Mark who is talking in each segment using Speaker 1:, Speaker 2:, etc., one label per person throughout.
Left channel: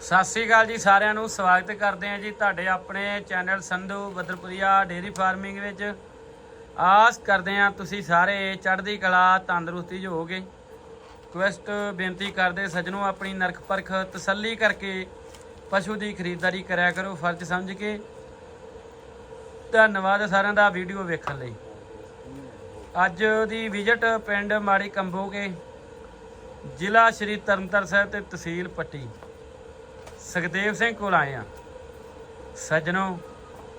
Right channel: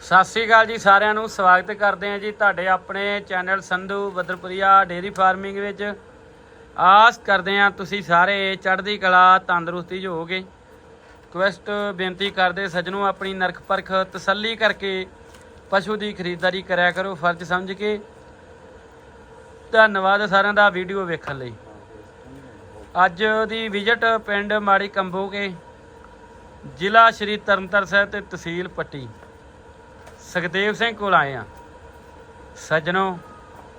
Speaker 1: ਸਤਿ ਸ੍ਰੀ ਅਕਾਲ ਜੀ ਸਾਰਿਆਂ ਨੂੰ, ਸਵਾਗਤ ਕਰਦੇ ਹਾਂ ਜੀ ਤੁਹਾਡੇ ਆਪਣੇ channel Sandhu Badarpuria dairy farming ਵਿੱਚ। ਆਸ ਕਰਦੇ ਹਾਂ ਤੁਸੀਂ ਸਾਰੇ ਚੜ੍ਹਦੀ ਕਲਾ, ਤੰਦਰੁਸਤੀ 'ਚ ਹੋਵੋਗੇ। ਕੁਐਸਟ ਬੇਨਤੀ ਕਰਦੇ ਸੱਜਣੋ, ਆਪਣੀ ਨਰਖ ਪਰਖ ਤਸੱਲੀ ਕਰਕੇ ਪਸ਼ੂ ਦੀ ਖਰੀਦਦਾਰੀ ਕਰਿਆ ਕਰੋ, ਫਰਜ਼ ਸਮਝ ਕੇ। ਧੰਨਵਾਦ ਸਾਰਿਆਂ ਦਾ ਵੀਡੀਓ ਵੇਖਣ ਲਈ। ਅੱਜ ਦੀ ਵਿਜ਼ਿਟ ਪਿੰਡ ਮਾੜੀ ਕੰਬੋਗੇ ਜ਼ਿਲ੍ਹਾ ਸ਼੍ਰੀ ਤਰਨਤਾਰਨ ਸਾਹਿਬ ਤੇ ਤਹਿਸੀਲ ਪੱਟੀ। ਸੁਖਦੇਵ ਸਿੰਘ ਕੋਲ ਆਏ ਆ। ਸੱਜਣੋ,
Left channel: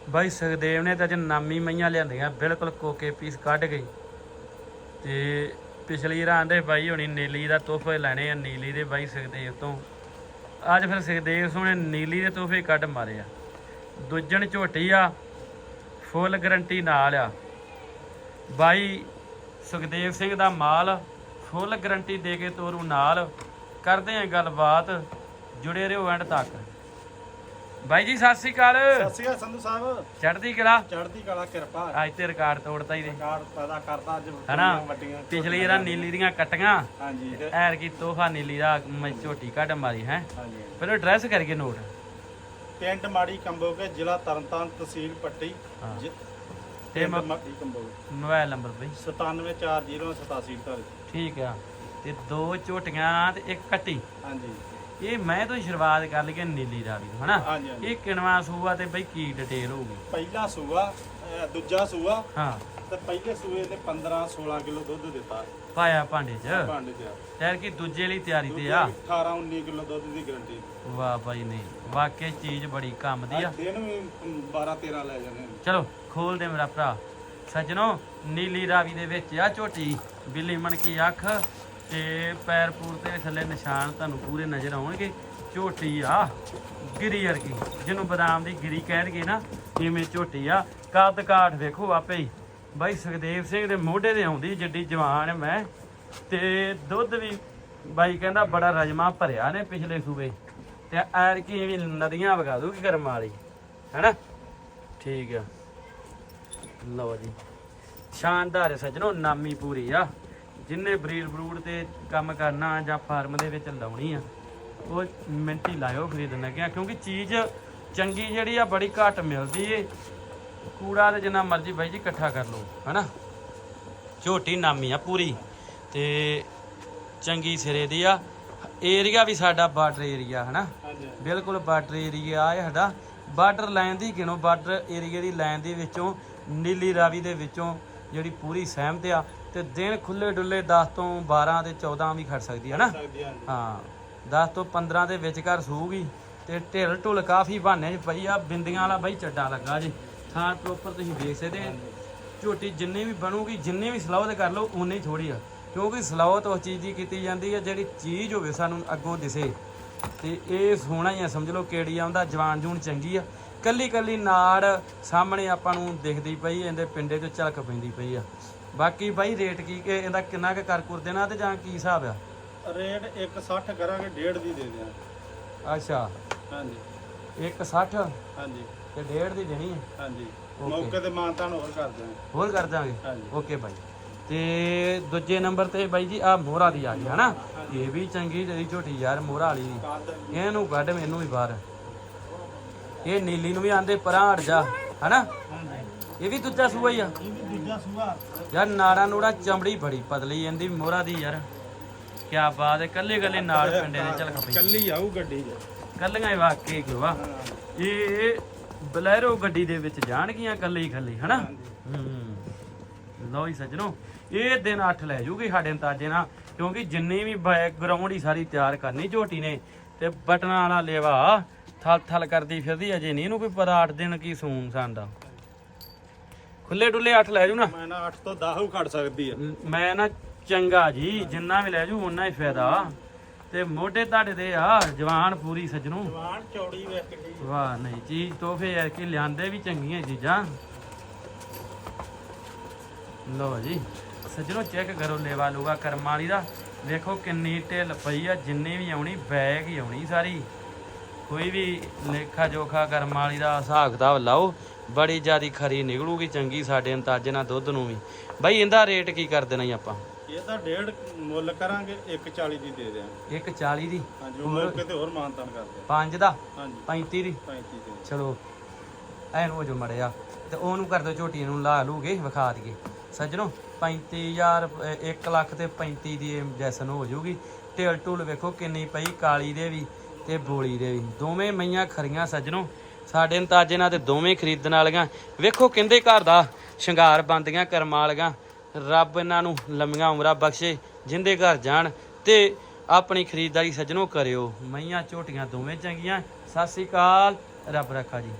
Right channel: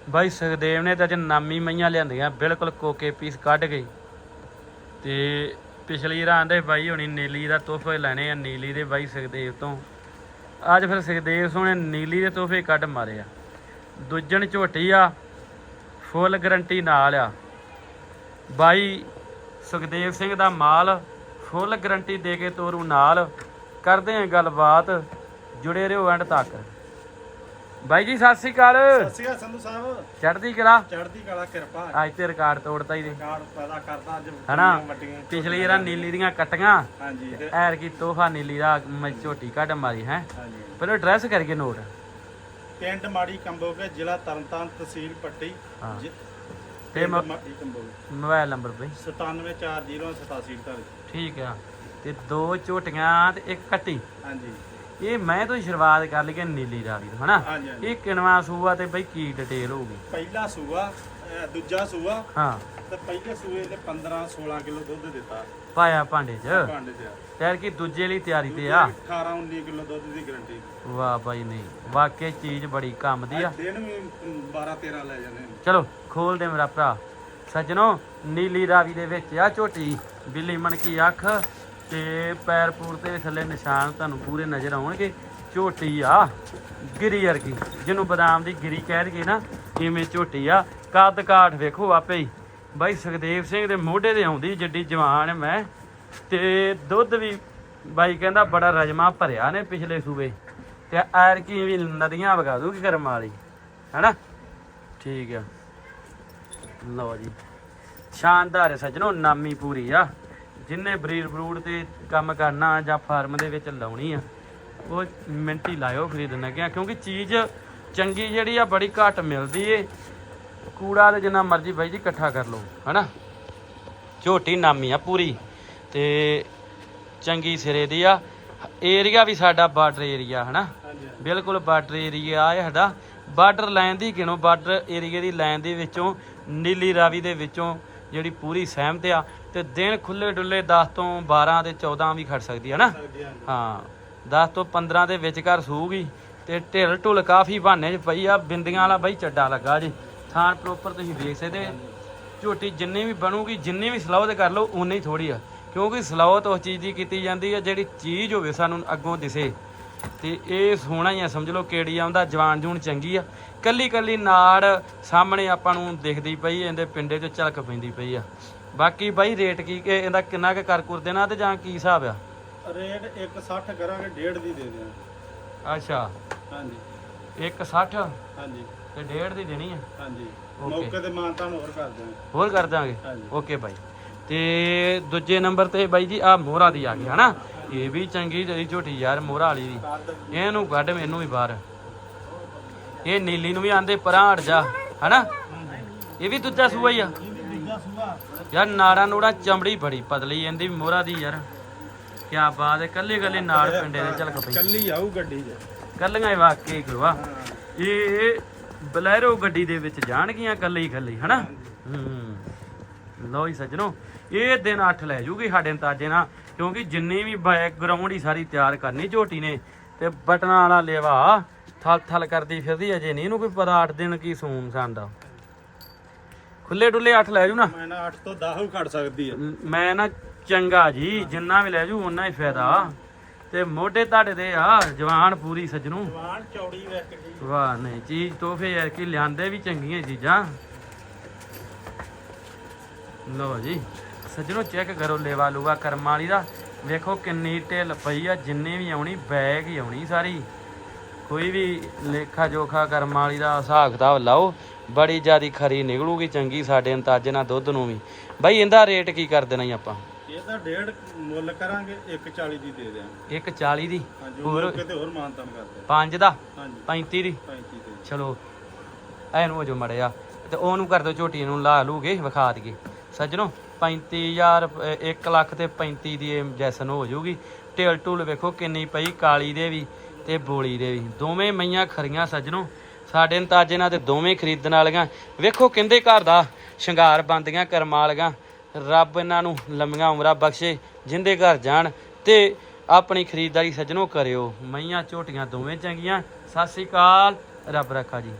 Speaker 1: ਬਾਈ ਸੁਖਦੇਵ ਨੇ ਤਾਂ ਅੱਜ ਨਾਮੀ ਮਈਆਂ ਲਿਆਂਦੀਆਂ, ਬਿਲਕੁਲ ਕੋਕੇ ਪੀਸ ਕੱਢ ਗਈ ਤੇ ਪਿਛਲੀ ਰਾਂ ਦੇ ਬਾਈ ਹੋਣੀ ਨੀਲੀ ਦਾ ਤੋਹਫੇ ਲੈਣੇ ਆ, ਨੀਲੀ ਦੇ ਬਾਈ ਸੁਖਦੇਵ ਤੋਂ। ਅੱਜ ਫਿਰ ਸੁਖਦੇਵ ਸੋਹਣੇ ਨੀਲੀ ਦੇ ਤੋਹਫੇ ਕੱਢ ਮਾਰੇ ਆ। ਦੂਜਣ ਝੋਟੀ ਆ, ਫੁੱਲ ਗਰੰਟੀ ਨਾਲ ਆ। ਬਾਈ ਸੁਖਦੇਵ ਸਿੰਘ ਦਾ ਮਾਲ ਫੁੱਲ ਗਰੰਟੀ ਦੇ ਕੇ ਤੋਰੂ ਨਾਲ। ਕਰਦੇ ਆਂ ਗੱਲਬਾਤ। ਜੁੜੇ ਰਹੋ ਐਂਡ ਤੱਕ। ਬਾਈ ਜੀ ਸਤਿ ਸ੍ਰੀ ਅਕਾਲ।
Speaker 2: ਸਤਿ ਸ਼੍ਰੀ ਅਕਾਲ ਸੰਧੂ ਸਾਹਿਬ।
Speaker 1: ਚੜ੍ਹਦੀ ਕਲਾ?
Speaker 2: ਚੜ੍ਹਦੀ ਕਲਾ ਕਿਰਪਾ।
Speaker 1: ਅੱਜ ਤੇ ਰਿਕਾਰਡ ਤੋੜਤਾ ਹੀ ਦੇ
Speaker 2: ਕਾਰ ਪੈਦਾ ਕਰਦਾ ਅੱਜ
Speaker 1: ਹਨਾ?
Speaker 2: ਵੱਡੀਆਂ
Speaker 1: ਪਿਛਲੀ ਰਾਂ ਨੀਲੀ ਦੀਆਂ ਕੱਟੀਆਂ।
Speaker 2: ਹਾਂਜੀ। ਤੇ-
Speaker 1: ਐਰ ਕੀ ਤੋਹਫਾ ਨੀਲੀ ਦਾ ਮੈਂ ਝੋਟੀ ਕੱਢ ਮਾਰੀ ਹੈ?
Speaker 2: ਹਾਂਜੀ।
Speaker 1: ਪਹਿਲਾਂ ਐਡਰੈਸ ਕਰਕੇ ਨੋਟ।
Speaker 2: ਪਿੰਡ ਮਾੜੀ ਕੰਬੋਗੇ ਜ਼ਿਲ੍ਹਾ ਤਰਨਤਾਰਨ ਤਹਿਸੀਲ ਪੱਟੀ।
Speaker 1: ਤੇ
Speaker 2: ਮਾੜੀ ਕੰਬੋਗੇ।
Speaker 1: ਮੋਬਾਈਲ ਨੰਬਰ ਬਈ।
Speaker 2: 974087
Speaker 1: ਠੀਕ ਆ। ਤੇ ਦੋ ਝੋਟੀਆਂ ਤੇ ਇੱਕ ਕੱਟੀ।
Speaker 2: ਹਾਂਜੀ।
Speaker 1: ਇਹ ਮੈਂ ਤੋਂ ਸ਼ੁਰੂਆਤ ਕਰ ਲਈ ਕਿ ਨੀਲੀ ਰਾਵੀ ਤੋਂ ਹਨਾ?
Speaker 2: ਹਾਂਜੀ ਹਾਂਜੀ।
Speaker 1: ਇਹ ਕਿਣਵਾ ਸੂਆ ਤੇ ਬਈ ਕੀ ਡਿਟੇਲ ਹੋਊਗੀ?
Speaker 2: ਪਹਿਲਾ ਸੂਆ ਅਹ ਦੂਜਾ ਸੂਆ
Speaker 1: ਹਾਂ।
Speaker 2: ਤੇ ਪਹਿਲੇ ਸੂਏ ਨੇ 15 16 ਕਿਲੋ ਦੁੱਧ ਦਿੱਤਾ।
Speaker 1: ਪਾਇਆ ਭਾਂਡੇ 'ਚ?
Speaker 2: ਭਾਂਡੇ ਚ।
Speaker 1: ਤੈਰ ਕੀ ਦੂਜੇ ਲਈ ਤਿਆਰੀ ਤੇ ਆ?
Speaker 2: 18 19 ਕਿਲੋ ਦੁੱਧ ਦੀ ਗਰੰਟੀ
Speaker 1: ਵਾਹ ਬਾਈ ਨਹੀਂ ਵਾਕਈ ਚੀਜ਼ ਬੜੀ ਕੰਮ ਦੀ ਆ।
Speaker 2: ਦਿਨ ਵੀ 12 13 ਲੈ ਜਾਂਦੇ ਨੇ।
Speaker 1: ਚਲੋ ਖੋਲ ਦੇ ਮੇਰਾ ਭਰਾ। ਸੱਜਣੋ ਨੀਲੀ ਰਾਵੀ ਦੇ ਵਿੱਚ ਆ ਝੋਟੀ। ਬਿੱਲੀ ਮਣ ਕੀ ਅੱਖ। ਤੇ ਪੈਰ ਪੂਰ ਤੇ ਥੱਲੇ ਨਿਸ਼ਾਨ ਤੁਹਾਨੂੰ ਪੂਰੇ ਨਜ਼ਰ ਆਉਣਗੇ। ਝੋਟੀ ਆ, ਗਿਰੀ ਵਰਗੀ। ਜਿਹਨੂੰ ਬਦਾਮ ਦੀ ਗਿਰੀ ਕਹਿਣਗੇ ਨਾ, ਇਵੇਂ ਝੋਟੀ ਆ। ਕੱਦ ਕਾਠ ਵੇਖੋ ਆਪੇ ਹੀ। ਬਾਈ ਸੁਖਦੇਵ ਸਿੰਘ ਦੇ ਮੋਢੇ ਤੇ ਆਉਂਦੀ ਜੱਡੀ ਜਵਾਨ ਮੈਂ। ਤੇ ਦੁੱਧ ਵੀ ਬਾਈ ਕਹਿੰਦਾ ਬੜਾ ਰਜਮਾ ਭਰਿਆ ਨੇ ਪਿਛਲੇ ਸੂਬੇ। ਤੇ ਐਰ ਕੀ ਵੀ ਨਦੀਆਂ ਵਗਾ ਦੂਗੀ ਕਰਮ ਵਾਲੀ। ਹੈਨਾ? ਠੀਕ ਆ। ਲਓ ਜੀ। ਸ਼ਾਨਦਾਰ ਹੈ ਸੱਜਣੋ, ਨਾਮੀ ਪੂਰੀ ਆ। ਜਿੰਨੇ ਬਰੀਡ ਬਰੂਡ ਤੇ ਕੰਮ ਕਰਨਾ ਜਾਂ ਫਾਰਮ ਦੇ ਵਿੱਚ ਲਾਉਣੀ ਆ ਉਹ ਮਿੰਟੀ ਲਾਇਓ ਖਰੀਦਣ ਲੱਗਿਆ ਕਿਉਂਕਿ ਚੀਜ਼ ਚੰਗੀ ਜਿਹੜੀ ਆ ਬੜੀ ਘੱਟ ਮਿਲਦੀ ਏ। ਕੂੜਾ ਤੇ ਜਿੰਨਾ ਮਰਜ਼ੀ ਬਾਈ ਜੀ ਇਕੱਠਾ ਕਰ ਲਓ ਹਨਾ? ਝੋਟੀ ਨਾਮੀ ਆ ਪੂਰੀ ਤੇ ਚੰਗੀ ਸਿਰੇ ਦੀ ਆ। ਏਰੀਆ ਵੀ ਸਾਡਾ ਬਾਰਡਰ ਏਰੀਆ ਹਨਾ? ਬਿਲਕੁਲ ਬਾਰਡਰ ਏਰੀਆ ਆ ਸਾਡਾ। ਬਾਰਡਰ ਲਾਈਨ ਦੀ ਗਿਣੋ ਬਾਰਡਰ ਏਰੀਆ ਦੀ ਲਾਈਨ ਦੇ ਵਿੱਚੋਂ ਨੀਲੀ ਰਾਵੀ ਦੇ ਵਿੱਚੋਂ ਜਿਹੜੀ ਪੂਰੀ ਸਹਿਮਤ ਆ ਤੇ ਦਿਨ ਖੁੱਲੇ ਡੁੱਲੇ 10 ਤੋਂ 12 ਤੇ 14 ਵੀ ਖੜ ਸਕਦੀ ਹੈ ਨਾ? ਹਾਂ 10 ਤੋਂ 15 ਦੇ ਵਿਚਕਾਰ ਸੂਗੀ ਤੇ ਢਿੱਲ ਢੁੱਲ ਕਾਫੀ ਬਹਾਨੇ 'ਚ ਪਈ ਆ ਬਿੰਦੀਆਂ ਵਾਲਾ ਬਾਈ ਚੱਡਾ ਲੱਗਾ ਜੀ। ਥਾਂ ਪ੍ਰੋਪਰ ਤੁਸੀਂ ਵੇਖ ਸਕਦੇ। ਝੋਟੀ ਜਿੰਨੀ ਵੀ ਬਣੂਗੀ ਜਿੰਨੀ ਵੀ ਸਲਾਹ ਕਰ ਲਓ ਉਨੀ ਹੀ ਥੋੜੀ ਆ। ਕਿਉਂਕਿ ਸਲਾਹਤ ਉਸ ਚੀਜ਼ ਦੀ ਕੀਤੀ ਜਾਂਦੀ ਹੈ ਜਿਹੜੀ ਚੀਜ਼ ਹੋਵੇ ਸਾਨੂੰ ਅੱਗੋਂ ਦਿਸੇ। ਤੇ ਇਹ ਸੋਹਣਾ ਹੀ ਆ ਸਮਝ ਲਓ ਕਿਹੜੀ ਆਉਂਦਾ ਜਵਾਨ ਜੂਨ ਚੰਗੀ ਆ। ਕੱਲੀ ਕੱਲੀ ਨਾੜ ਸਾਹਮਣੇ ਆਪਾਂ ਨੂੰ ਦਿਖਦੀ ਪਈ ਇਹਦੇ ਪਿੰਡੇ ਤੇ ਝਲਕ ਪੈਂਦੀ ਪਈ ਆ। ਬਾਕੀ ਬਾਈ ਰੇਟ ਕੀ ਕਿ ਇਹਦਾ ਕਿੰਨਾ ਕੁ ਕਰ ਕੁਰ ਦੇਣਾ ਤੇ ਜਾਂ ਕੀ ਹਿਸਾਬ ਆ?
Speaker 2: ਰੇਟ 160 ਕਰਾਂਗੇ ਡੇਢ ਦੀ ਦੇ ਦਿਆਂ
Speaker 1: ਅੱਛਾ।
Speaker 2: ਹਾਂਜੀ।
Speaker 1: 160
Speaker 2: ਹਾਂਜੀ।
Speaker 1: ਤੇ ਡੇਢ ਦੀ ਦੇਣੀ ਆ?
Speaker 2: ਹਾਂਜੀ. ਮੌਕੇ ਤੇ ਮਾਨਤਾਨ ਹੋਰ ਕਰ ਦਿਆਂਗੇ।
Speaker 1: ਹੋਰ ਕਰ ਦਾਂਗੇ
Speaker 2: ਹਾਂਜੀ।
Speaker 1: ਓਕੇ ਬਾਈ। ਤੇ ਦੂਜੇ ਨੰਬਰ ਤੇ ਬਾਈ ਜੀ ਆ ਮੋਹਰਾ ਦੀ ਆ ਗਈ ਹਨਾ? ਇਹ ਵੀ ਚੰਗੀ ਜਿਹੜੀ ਝੋਟੀ ਯਾਰ ਮੋਹਰਾ ਵਾਲੀ ਦੀ।
Speaker 2: ਕੱਦ
Speaker 1: ਇਹਨੂੰ ਕੱਢ ਮੈਨੂੰ ਵੀ ਬਾਹਰ। ਇਹ ਨੀਲੀ ਨੂੰ ਵੀ ਆਂਦੇ ਪਰਾਂ ਹਟ ਜਾ ਹਨਾ? ਇਹ ਵੀ ਦੂਜਾ ਸੂਆ ਹੀ ਆ।
Speaker 2: ਇਹ ਦੂਜਾ ਸੂਆ
Speaker 1: ਯਾਰ ਨਾੜਾ ਨੂੜਾ ਚਮੜੀ ਬੜੀ ਪਤਲੀ ਇਹਦੀ ਮੋਹਰਾ ਦੀ ਯਾਰ। ਕੀ ਬਾਤ ਹੈ ਕੱਲੇ ਕੱਲੇ ਨਾਲ ਪਿੰਡੇ ਦੇ ਝਲਕ ਪਈ
Speaker 2: ਕੱਲੀ ਆਊ ਗੱਡੀ 'ਚ।
Speaker 1: ਕੱਲੀਆਂ ਹੀ ਵਾਕਈ ਗੁਰੂਆ। ਇਹ ਬਲੈਰੋ ਗੱਡੀ ਦੇ ਵਿੱਚ ਜਾਣਗੀਆਂ ਕੱਲੇ ਹੀ ਕੱਲੇ ਹਨਾ? ਹੂੰ ਲਓ ਜੀ ਸੱਜਣੋ ਇਹ ਦਿਨ 8 ਲੈ ਜੂਗੀ ਸਾਡੇ ਅੰਦਾਜ਼ੇ ਨਾਲ ਕਿਉਂਕਿ ਜਿੰਨੀ ਵੀ ਬੈਕਗ੍ਰਾਉਂਡ ਹੀ ਸਾਰੀ ਤਿਆਰ ਕਰਨੀ ਝੋਟੀ ਨੇ ਤੇ ਬਟਨਾਂ ਵਾਲਾ ਲੇਵਾ ਥਲ ਥਲ ਕਰਦੀ ਫਿਰਦੀ ਅਜੇ ਨਹੀਂ ਇਹਨੂੰ ਕੋਈ ਪਤਾ 8 ਦਿਨ ਕੀ ਸੂਨ ਸੰਦਾ ਖੁੱਲੇ ਡੁੱਲੇ 8 ਲੈ ਜੂ ਨਾ।
Speaker 2: ਮੈਂ ਨਾ 8 ਤੋਂ 10 ਖੜ ਸਕਦੀ ਆ।
Speaker 1: ਮੈਂ ਨਾ ਚੰਗਾ ਜੀ ਜਿੰਨਾ ਵੀ ਲੈ ਜੂ ਓਨਾ ਹੀ ਫਾਇਦਾ। ਤੇ ਮੋਢੇ ਤੁਹਾਡੇ ਦੇ ਆ ਜਵਾਨ ਪੂਰੀ ਸੱਜਣੂ।
Speaker 2: ਜਵਾਨ ਚੌੜੀ ਵੇਖ ਕਿੱਡੀ
Speaker 1: ਵਾਹ ਨਹੀਂ ਚੀਜ਼ ਤੋਹਫੇ ਐ ਕਿ ਲਿਆਂਦੇ ਵੀ ਚੰਗੀਆਂ ਚੀਜ਼ਾਂ। ਲੋ ਜੀ ਸੱਜਣੋ ਚੈੱਕ ਕਰੋ ਲੇਵਾ ਲੂਗਾ ਕਰਮ ਵਾਲੀ ਦਾ। ਵੇਖੋ ਕਿੰਨੀ ਢਿੱਲ ਪਈ ਆ ਜਿੰਨੀ ਵੀ ਆਉਣੀ ਬੈਗ ਹੀ ਆਉਣੀ ਸਾਰੀ। ਕੋਈ ਵੀ ਲੇਖਾ ਜੋਖਾ ਕਰਮ ਵਾਲੀ ਦਾ ਹਿਸਾਬ ਕਿਤਾਬ ਲਾਓ। ਬੜੀ ਜਿਆਦੀ ਖਰੀ ਨਿਕਲੂਗੀ ਚੰਗੀ ਸਾਡੇ ਅੰਦਾਜ਼ੇ ਨਾਲ ਦੁੱਧ ਨੂੰ ਵੀ। ਬਾਈ ਇਹਦਾ ਰੇਟ ਕੀ ਕਰ ਦੇਣਾ ਜੀ ਆਪਾਂ?
Speaker 2: ਇਹਦਾ ਡੇਢ ਮੁੱਲ ਕਰਾਂਗੇ 140 ਦੀ ਦੇ ਦਿਆਂਗੇ।
Speaker 1: 140 ਦੀ?
Speaker 2: ਹਾਂਜੀ
Speaker 1: ਹੋਰ?
Speaker 2: ਉਹ ਮੌਕੇ ਤੇ ਹੋਰ ਮਾਨਤਾਨ ਕਰਦੇ
Speaker 1: 5 ਦਾ?
Speaker 2: ਹਾਂਜੀ।
Speaker 1: 35 ਦੀ?
Speaker 2: 35 ਦੇ।
Speaker 1: ਚਲੋ ਐਨ ਹੋ ਜੋ ਮੜਿਆ। ਤੇ ਉਹਨੂੰ ਕਰ ਦਿਓ ਝੋਟੀ ਨੂੰ ਲਾ ਲੂਗੇ ਵਿਖਾ ਦਈਏ। ਸੱਜਣੋ 35000 1 ਲੱਖ ਤੇ 35 ਦੀ ਇਹ ਜੈਸਨ ਹੋ ਜਾਊਗੀ ਢੇਲ ਢੂਲ ਵੇਖੋ ਕਿੰਨੀ ਪਈ ਕਾਲੀ ਦੇ ਵੀ ਤੇ ਬੋਲੀ ਦੇ ਵੀ। ਦੋਵੇਂ ਮਈਆਂ ਖਰੀਆਂ ਸੱਜਣੋ। ਸਾਡੇ ਅੰਤਾਜੇ ਨਾਲ ਤੇ ਦੋਵੇਂ ਖਰੀਦਣ ਵਾਲੀਆਂ। ਵੇਖੋ ਕਹਿੰਦੇ ਘਰ ਦਾ ਸ਼ਿੰਗਾਰ ਬੰਦੀਆਂ ਕਰਮਾਂ ਵਾਲੀਆਂ। ਰੱਬ ਇਹਨਾਂ ਨੂੰ ਲੰਮੀਆਂ ਉਮਰਾਂ ਬਖਸ਼ੇ, ਜਿੰਦੇ ਘਰ ਜਾਣ ਤੇ ਆਪਣੀ ਖਰੀਦਦਾਰੀ ਸੱਜਣੋ ਕਰਿਓ। ਮਈਆਂ ਝੋਟੀਆਂ ਦੋਵੇਂ ਚੰਗੀਆਂ। ਸਤਿ ਸ੍ਰੀ ਅਕਾਲ। ਰੱਬ ਰੱਖਾ ਜੀ।